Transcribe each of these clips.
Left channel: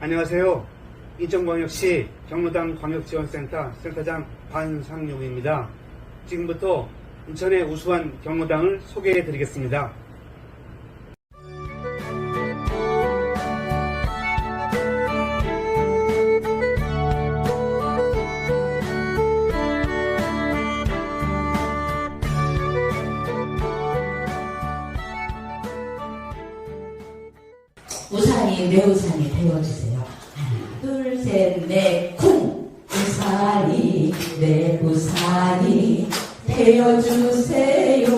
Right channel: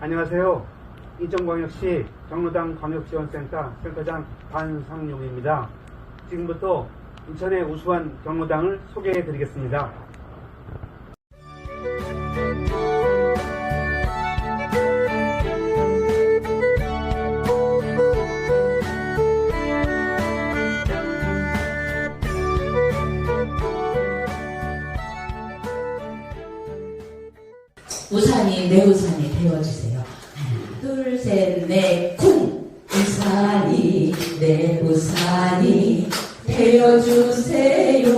안녕하세요. 인천광역시 경로당 광역지원센터 센터장 반상용입니다. 지금부터 인천의 우수한 경로당을 소개해 드리겠습니다. 우산이 내 우산이 되어주세요. 둘, 셋, 넷, 쿵! 우산이 내 우산이 되어주세요.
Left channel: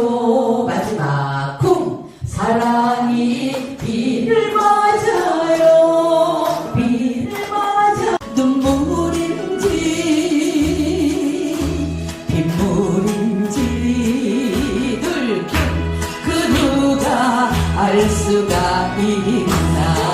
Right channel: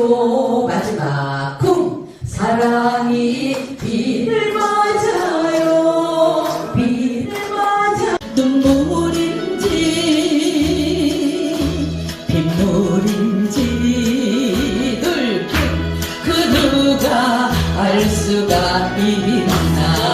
알 수가 있나?